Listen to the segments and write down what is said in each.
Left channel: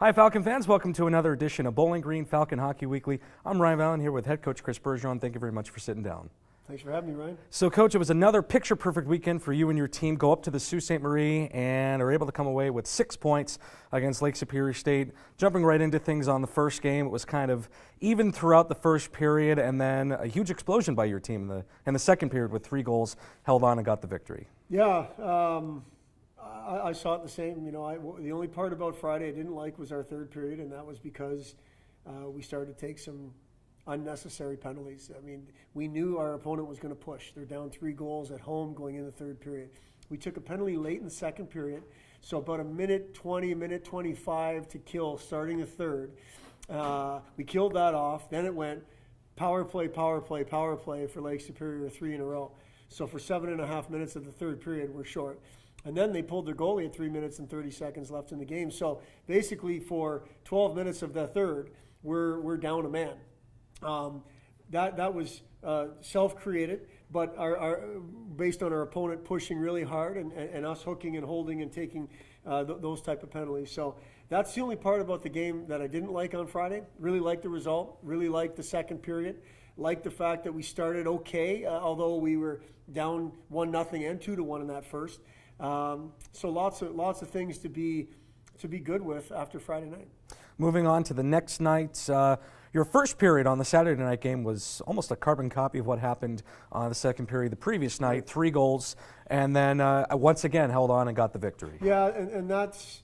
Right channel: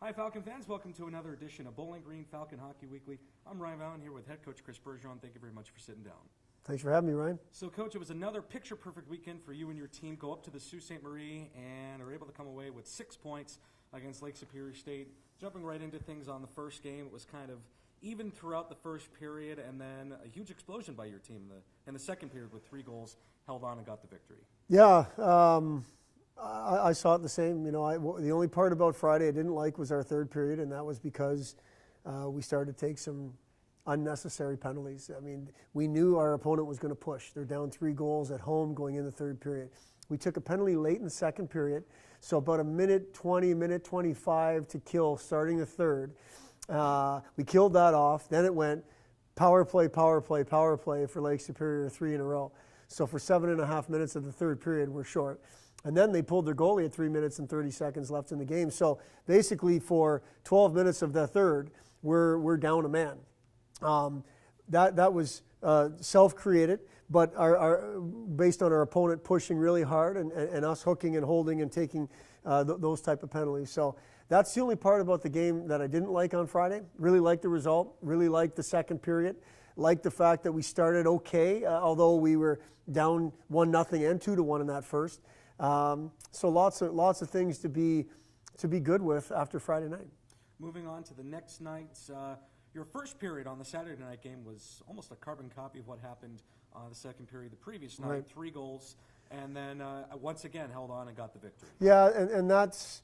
Hi, Falcon fans. Welcome to another edition of Bowling Green Falcon Hockey Weekly. I'm Ryan Vallon here with head coach Chris Bergeron. Thank you very much for sitting down. Thanks for having me, Ryan. So, Coach, it was another picture-perfect weekend for you and your team. Go up to the Sault Ste. Marie and are able to come away with 6 points against Lake Superior State. Jumping right into things on the first game, it was kind of even throughout the first period, and then a huge explosion by your team in the second period with 3 goals, held on and got the victory. Yeah, I saw it the same. You know, the only part about Friday I didn't like was our third period, and that was because we started to take some unnecessary penalties. I mean, we knew our opponent was going to push. They're down 3 goals at home going in the third period. We took a penalty late in the second period, so about a minute 20, minute 25 to kill starting the third. We killed that off. Then it went power play, power play, power play for Lake Superior 3 in a row. So for 7.5 minutes of the third period, we're short. And then they pulled their goalie at 3 minutes and 30 seconds left in the game. So basically for 12 minutes of the third, we're down a man. That was self-created, but based on our opponent pushing really hard and us hooking and holding and taking those type of penalties. So that's the only part about the game that I didn't like on Friday. Really liked the result, really liked the second period, liked the fact that we started okay, although we were down 1-0 and 2-1 in that first. So lots of things to be good with after Friday night. Moving on to the next night, your first period on the Saturday night game was almost a carbon copy of what happened on the second period the previous night, 3 goals, and then once again held on and got the victory. Yeah, and that's,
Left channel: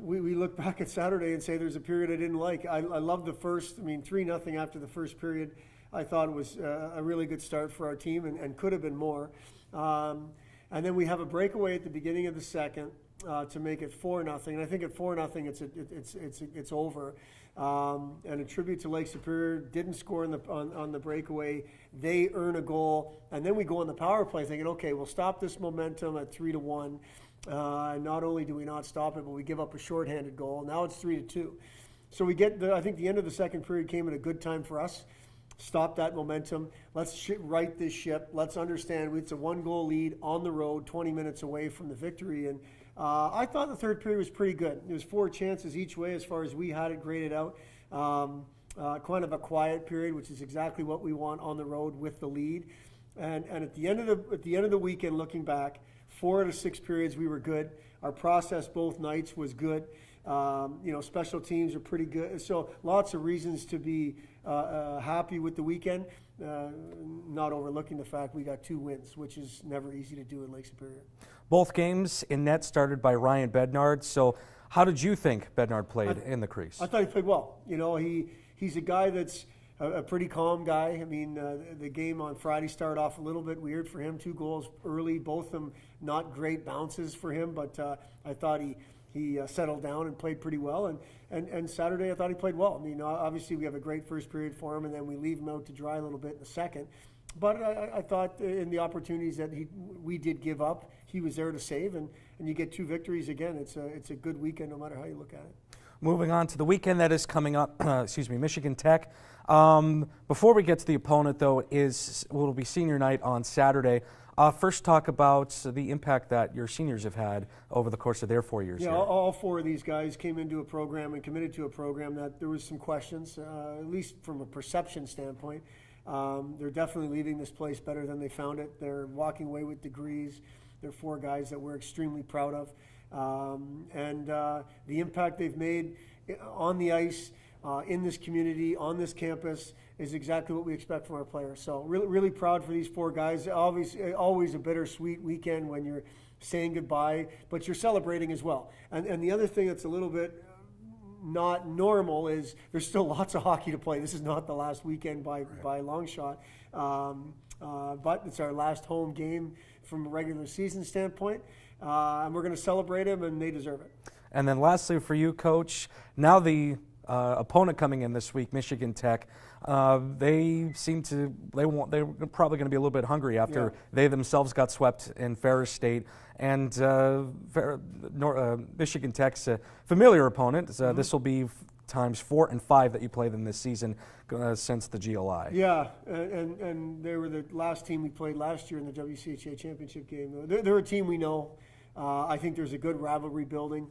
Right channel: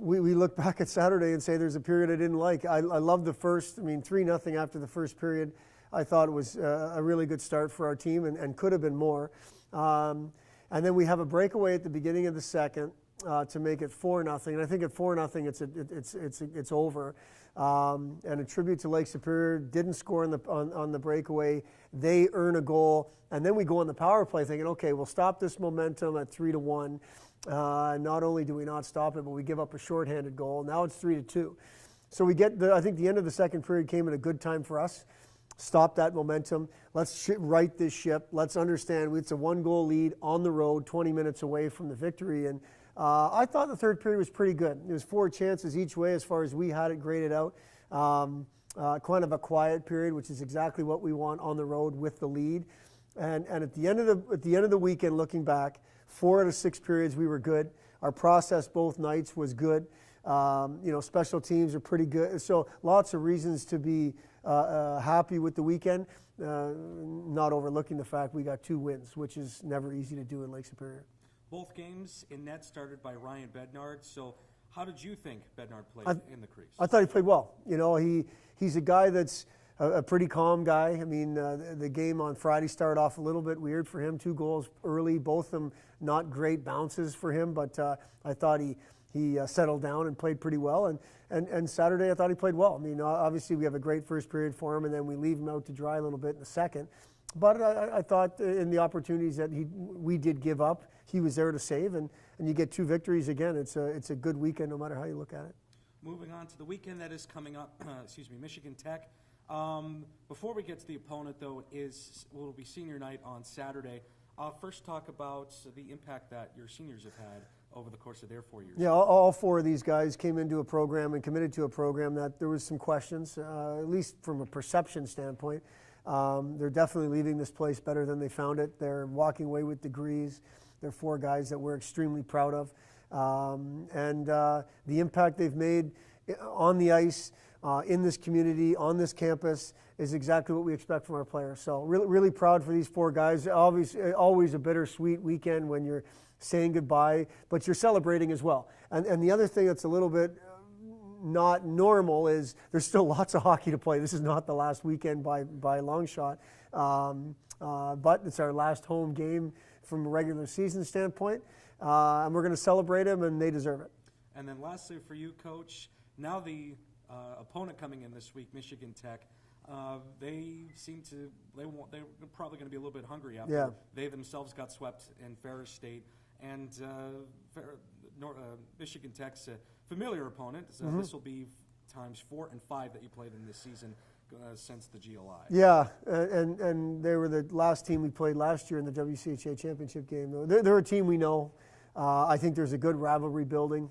we look back at Saturday and say there's a period I didn't like. I love the first, 3-0 after the first period. I thought it was a really good start for our team and could have been more. And then we have a breakaway at the beginning of the second to make it 4-0. And I think at 4-0, it's over. And a tribute to Lake Superior, didn't score on the breakaway. They earn a goal, and then we go on the power play thinking, okay, we'll stop this momentum at 3-1. Not only do we not stop it, but we give up a shorthanded goal. Now it's 3-2. So we get I think the end of the second period came at a good time for us. Stop that momentum. Let's right this ship. Let's understand it's a 1-goal lead on the road, 20 minutes away from the victory. And I thought the third period was pretty good. There was 4 chances each way as far as we had it graded out. Kind of a quiet period, which is exactly what we want on the road with the lead. And at the end of the weekend, looking back, 4 out of 6 periods we were good. Our process both nights was good. Special teams are pretty good. So lots of reasons to be happy with the weekend, not overlooking the fact we got 2 wins, which is never easy to do in Lake Superior. Both games in net started by Ryan Bednard. So how did you think Bednard played in the crease? I thought he played well. You know, he's a guy that's a pretty calm guy. I mean, the game on Friday started off a little bit weird for him. 2 goals early, both of them not great bounces for him, but I thought he settled down and played pretty well. And Saturday I thought he played well. I mean, obviously we have a great first period for him, and then we leave him out to dry a little bit in the second. But I thought in the opportunities that we did give up, he was there to save, and you get 2 victories again. It's a good weekend no matter how you look at it. Moving on to the weekend that is coming up, Michigan Tech. Before we get to the opponent, though, will be senior night on Saturday. First, talk about the impact that your seniors have had over the course of their 4 years. Yeah, all 4 of these guys came into a program and committed to a program that there was some questions, at least from a perception standpoint. They're definitely leaving this place better than they found it. They're walking away with degrees. They're 4 guys that we're extremely proud of. And the impact they've made on the ice, in this community, on this campus, is exactly what we expect from our players. So really proud for these 4 guys. Obviously, always a bittersweet weekend when you're saying goodbye, but you're celebrating as well. And the other thing that's a little bit not normal is there's still lots of hockey to play. This is not the last weekend by a long shot, but it's our last home game from a regular season standpoint, and we're going to celebrate them, and they deserve it. And then lastly for you, Coach, now the opponent coming in this week, Michigan Tech, they're probably going to be a little bit hungry after they themselves got swept in Ferris State. And Michigan Tech's a familiar opponent. This will be times 4 and 5 that you played them this season since the GLI. Yeah, and they were the last team we played last year in the WCHA championship game. They're a team we know. I think there's a good rivalry building.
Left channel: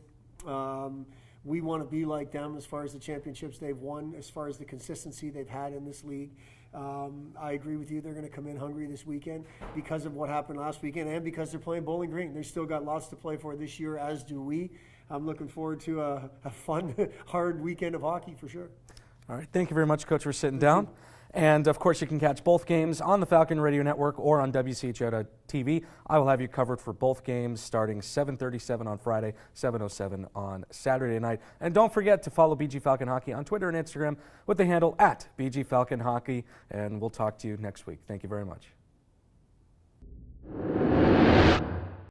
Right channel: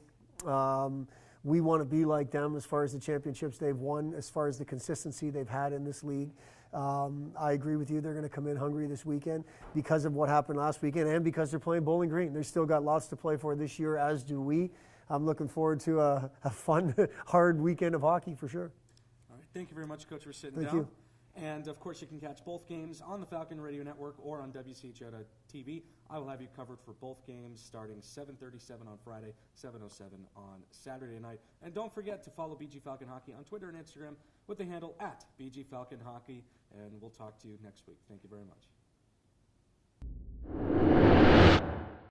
We want to be like them as far as the championships they've won, as far as the consistency they've had in this league. I agree with you. They're going to come in hungry this weekend because of what happened last weekend and because they're playing Bowling Green. They've still got lots to play for this year, as do we. I'm looking forward to a fun, hard weekend of hockey for sure. All right. Thank you very much, Coach, for sitting down. And, of course, you can catch both games on the Falcon Radio Network or on WCHO.TV. I will have you covered for both games starting 7:37 on Friday, 7:07 on Saturday night. And don't forget to follow BG Falcon Hockey on Twitter and Instagram with the handle @BG Falcon Hockey. And we'll talk to you next week. Thank you very much.